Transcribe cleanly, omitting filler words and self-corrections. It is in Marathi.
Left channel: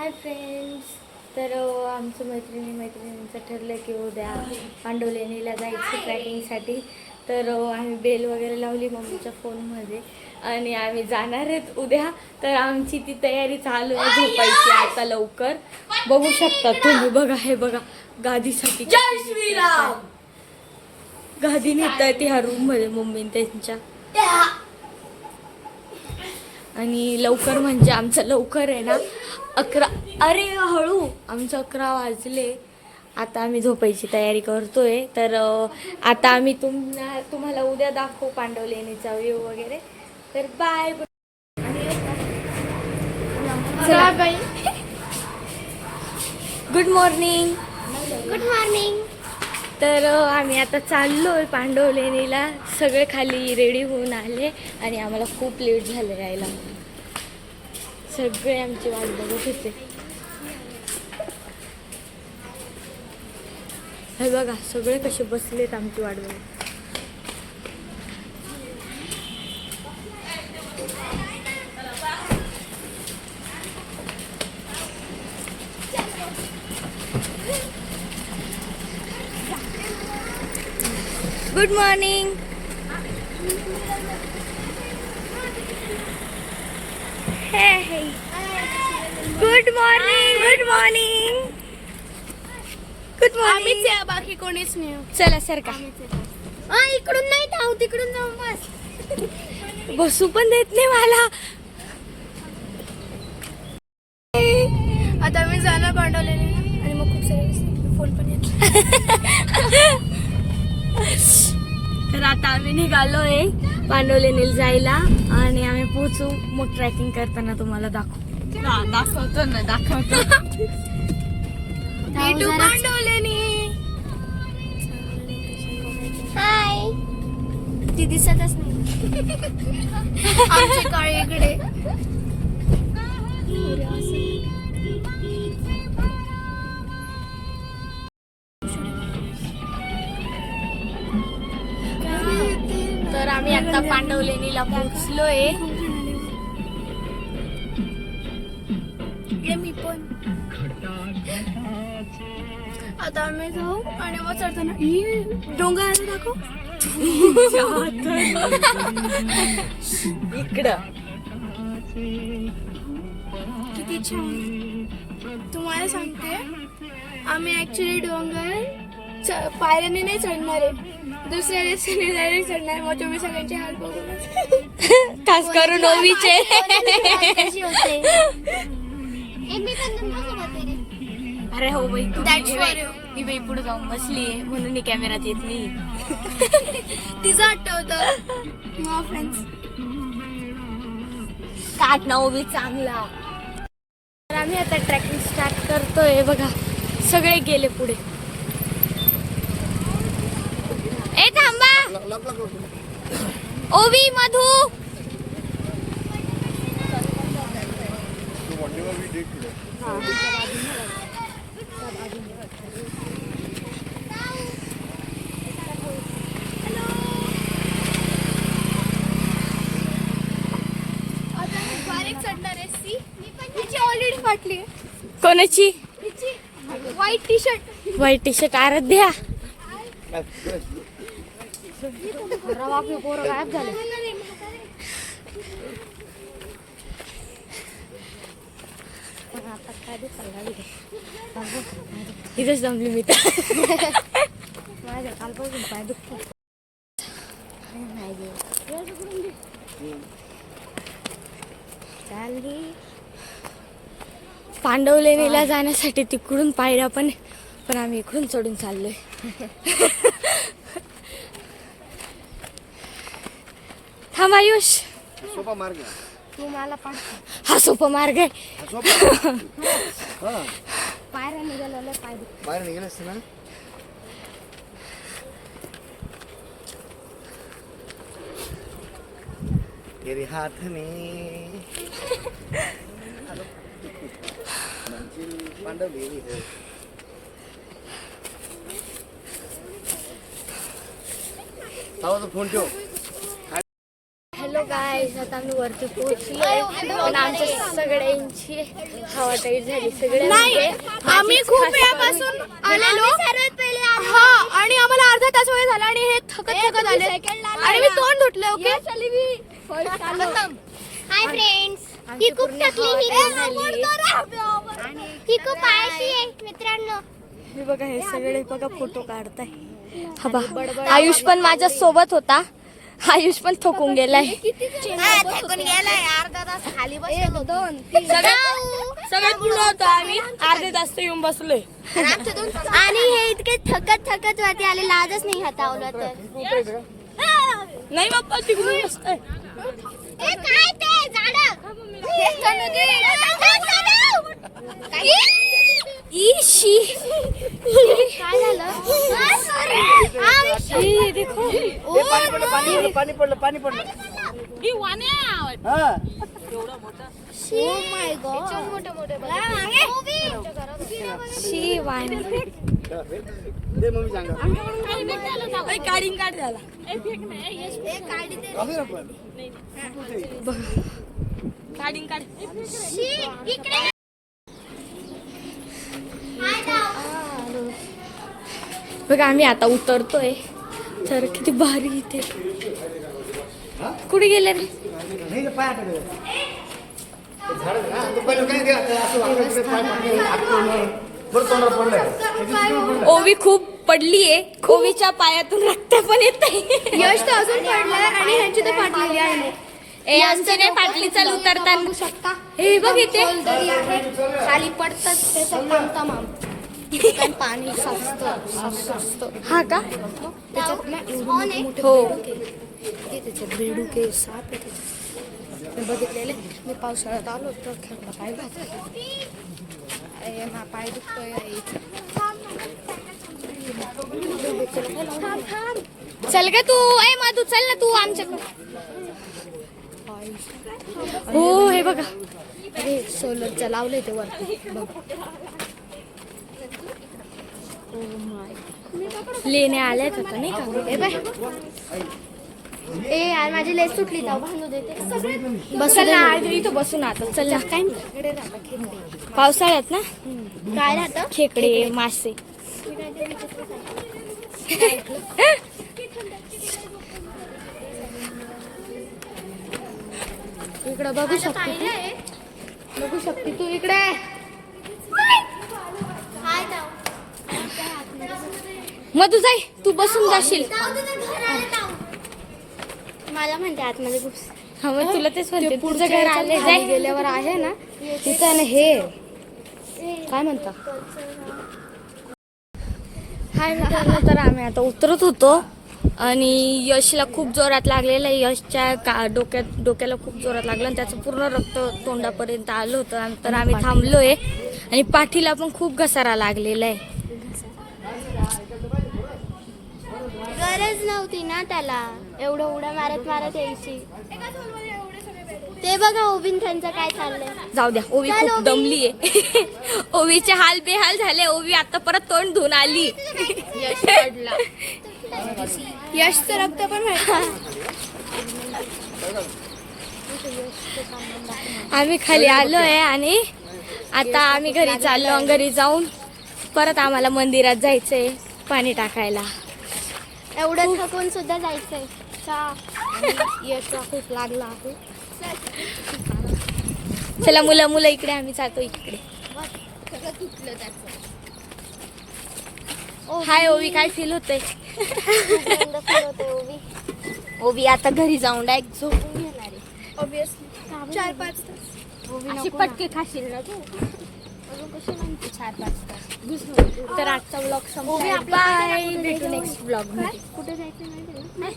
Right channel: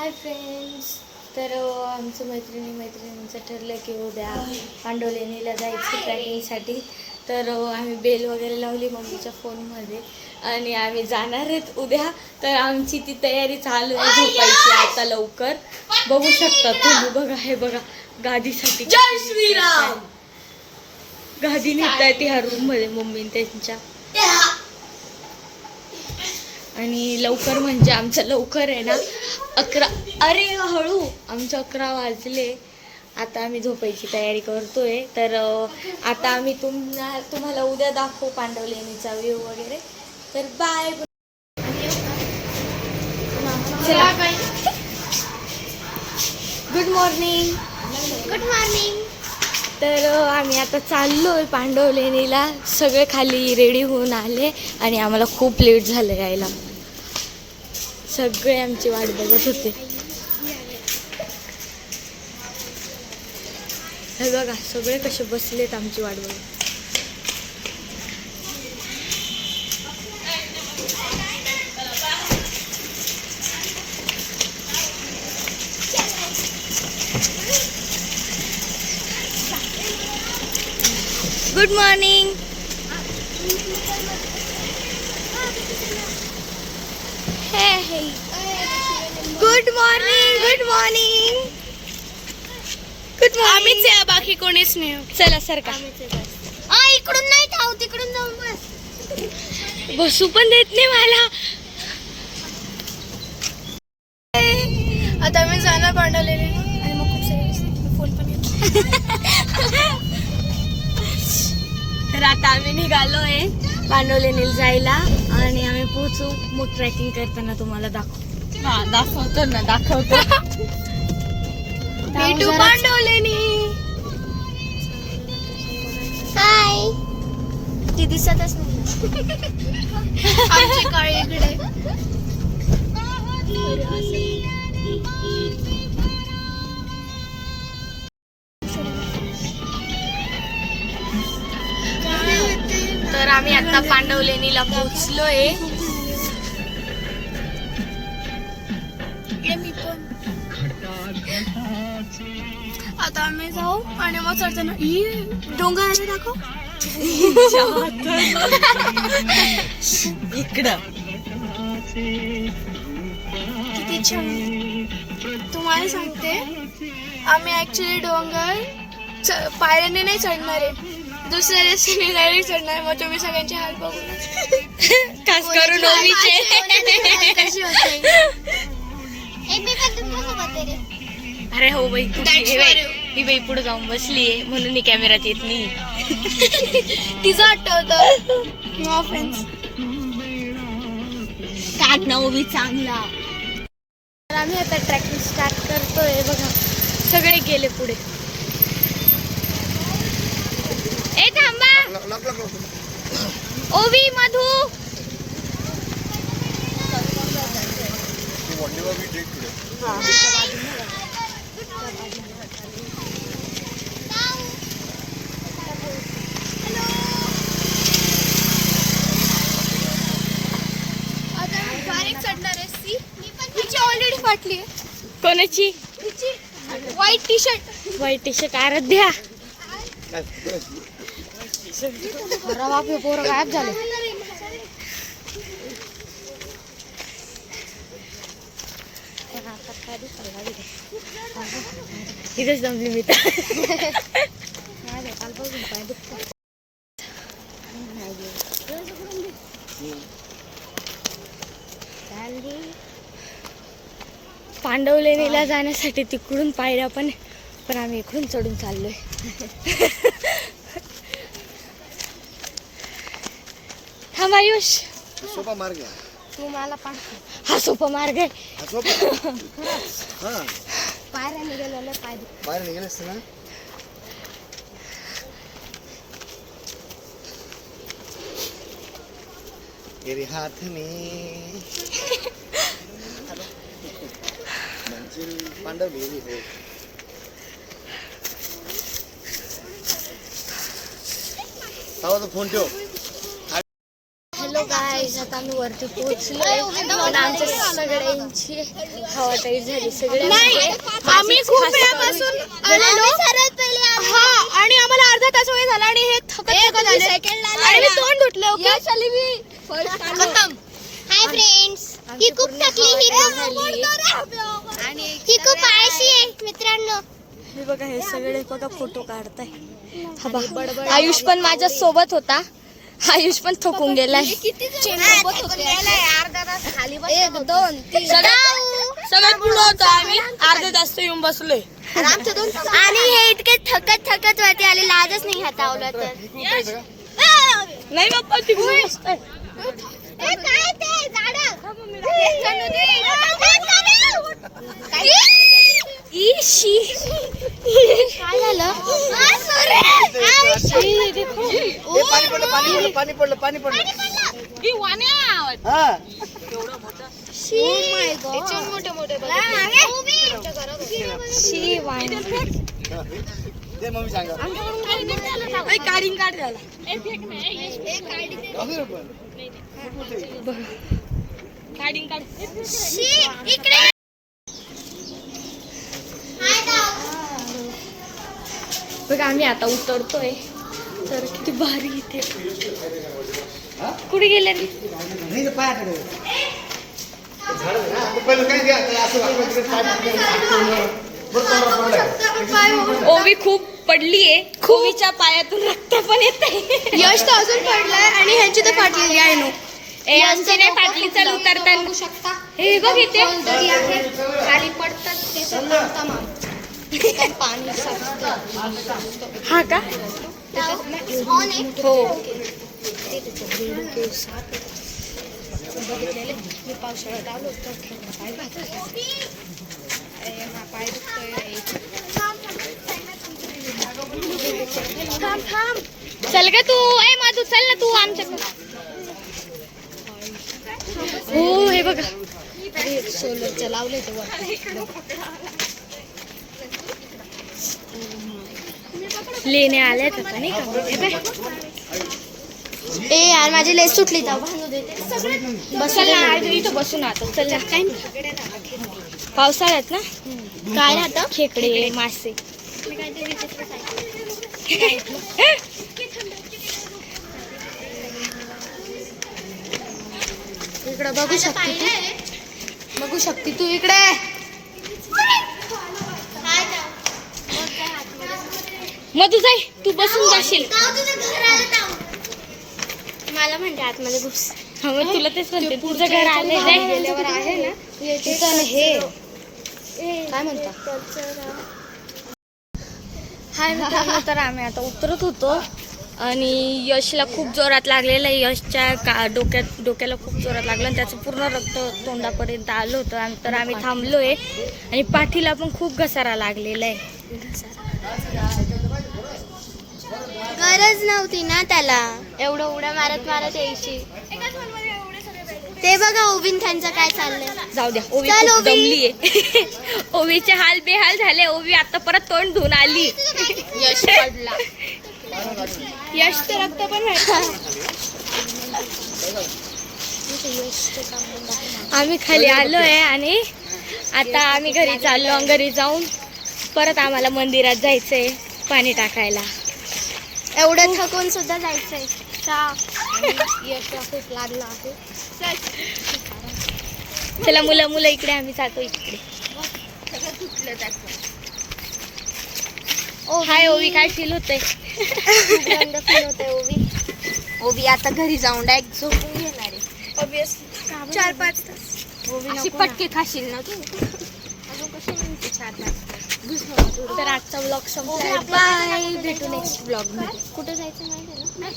Hi friends. तर आमचं मैत्रिणींचं ठरलं की उद्या पांडवलेणीला जायचं ट्रॅकिंगसाठी. तर आम्ही बेल वगैरे लावली मम्मीच्या फोनमध्ये आणि आम्ही जाणार आहेत उद्या. तर आमची ती तयारी चालू आहे झोपायची आता लवकर. बघू शकता तुम्ही, बघा हे बघा गादीसाठी. जय श्रीराम. गादी नेताय ती ह्या रूममध्ये मम्मी त्यांच्या. आणि लवकर म्हणजे आमचं लवकर आहे ना 11. अरे हळू, आमचं 11 वाजले. आता आम्ही झोपायची तयारी करतोय. तर आता आम्ही तुम्हाला उद्या दाखवू पांडवलेणीचा व्ह्यू वगैरे. तर बाय. चला. Good morning. Good morning. तर आम्ही आता चाललोय पांडवलेणीला. सगळे खाली रेडी होऊन आले आणि आम्हाला खूप लेट झालं यायला. सगळे आमची वाट बघत होते. हे बघा सगळे कसे बसलेत आमची वाट बघत. Good morning. Good morning. Good morning. Good morning. बाकी कोणीच नाही. चला सर का. इकडून नाही जाऊ, तिकडून जाऊन बस. बसू पण देत नाही मला. आता मी जाणार पांडवलेणीला आणि मग खूप सारे फोन पण येतो. तर आता आम्ही निघालोय पांडवलेणीला जायला आणि आम्ही पोहोचू. मग ट्रॅकिंग करताना तुम्हाला दाखवतो. भेटू पांडवलेणी. हाय. ती दिसतच नाही. आमची काळी इकडे. तर आम्ही आता पांडवलेणीला पोहोचलोय. मी पण. आता आम्ही जाऊ आणि मग चढताना डोंगर आहे दाखव. इकडं किती छान. तुम्हाला सांगते आम्ही ऍक्च्युली डोंगर पायऱ्याने नाही चढणार आहे, दुसऱ्या रस्त्याने डायरेक्ट चढणार. मग तुम्ही सगळ्यांचे हाल बघूनच खास करून ओवीचे. कशी होते. अरे हो बाई, ही बाई पुढे जाऊन बसलीये म्हणून मी कॅमेरात येत नाही. तिचं आठवतं. No friends. काट ना ओवी चांगला. तर आम्ही आता ट्रॅकिंग स्टार्ट करतोय. बघा सगळे गेले पुढे. ए थांबा. ओवी मधू. ऑलरेडी फाटली. कोणाची? White T shirt. White T shirt Aaradhya. गायब झाले. इथेच जमली मी तर. पांडवलेणीला जाण्यासाठी तिकडून पायऱ्या पण आम्ही इकडून चढून चाललोय. हा आयुष, सोपा मार्ग. तू मला हा सोपा मार्ग. पायऱ्या निघालेले पाय बाहेर निघाले असते ना. तेरे हाथ में पांडवलेणी हो. फोन ठेव. हॅलो गाईज, आता आम्ही वरती पोहोचलोय, पण आमच्या सगळ्यांची हवा टाईट झाली. सगळे म्हणजे आम्ही माझीच खूप खास वेळापासून करून आलेलो हा, आणि आम्हाला अर्धा तास वेळ झाला आणि हे थकत आले आणि मी तोंड धुतले. ओके हाय फ्रेंड्स, आमची ही खूप पूर्ण थकली, हवा ही टाईट झाली. ही खूप आळशी आहे मित्रांनो. हे बघा, हे सगळे बघा फोटो काढताय. हा बघ, आयुष पण माझ्या सोबत होता. आयुष पण थकून गेलाय. सगळ्यात पुढे होतो आम्ही, अर्धे तास येऊन बसलोय. आणि हे इतके थकत वरती आले, लाजच नाही हातावलं तर. नाही बाप्पा, तिकडून बसतोय. ए, काय ते झाडं? इशी. काय झालं? हे पाणी पडलं हा शी वाईन. दे मम्मी सांगा काढीन काढ झाला. काढीन काढ. इकडे बघा, आम्ही आता उतरतोय. तर किती भारी इथे. कुठे गेले रे? नाही तर पाय झाड पहिलं काय घ्या असं ओवी खूप पडलीये. ओवीच्या पायातून रक्त पण येत आहे. यश तर अजून पडलाय आणि ह्यांची तर फाटलेली आहे. आमची नाही फाटली. चल उतरताना हे बघ इथे. खाली पडतात त्याचं पाणी हा का? हो. बघितलेले मी पावसाळ्यात आलो तर पाय चल ग तू. ए माधू, चल ना तू आमच्याकडे. हो, हे बघा, सोलरचं लावलंय ते वर. लेण्या आल्यात आता नाही का? ए यार, माझी लेस सुटली, जाऊ बांधू देते. बसल ना आज इथं बसून आता. चल ना. पावसाळ्यात ना काय राहतं? खेकडे, मासे. मी काहीतरी विचित्र सांगितलं. इकडं बघू शकते तू. बघू शकते तू इकडे. मधू जाय, तू बसून जाशील. मला म्हणते आतमध्ये घुस. हा, मग तुला तेच म्हणते, तुझं घर आलंय. जाय. गेल्यावर आहे ना तिथं ना हे काय म्हणतात. हाय मित्रांनो, तर आम्ही आता उतरत होतो आणि यशला खूप जोरात लागलेलं आहे. यशच्या डोक्याला खूप जोरात लागलं आणि त्याचं पूर्ण रक्त तोंडापर्यंत आलं होतं. तर आम्ही थांबलोय आणि पाठीला पण खूप घसारा लागलेला आहे. गरज नव्हती ना त्याला एवढं उड्या मारत यायची. ते बघा उभीन त्यांचं काय चाललंय. जाऊ द्या, ओवी चल, खूप ओवी. दमलीये. ओवीचे हाल बेहाल झाले. ओवी आता परत तोंड धुवून आली. यश पडला. यश तर रक्त पण आम्ही खाली आलोय आणि आता आम्ही घरी चाललो. घरी जाऊन परत आम्हाला मंदिरात जायचंय पाणी टाकायला. एवढं थकून सुद्धा जायचंय. यश खूप लागला. चला मुलं इकडे, आम्ही जातो इकडे. हाय ओवी, काय फील होतंय? ओवी आता घरी जाऊन डायरेक्ट झोपून घेणार आहे. ऑब्विसली 4-5 तास. अशी पटके खाशील ना तू. अजून कशी म्हणते 4-5 तर आजचा ब्लॉग संपलाय. बाय, भेटू नेक्स्ट ब्लॉग मध्ये. कुठे जायचं माहिती ना.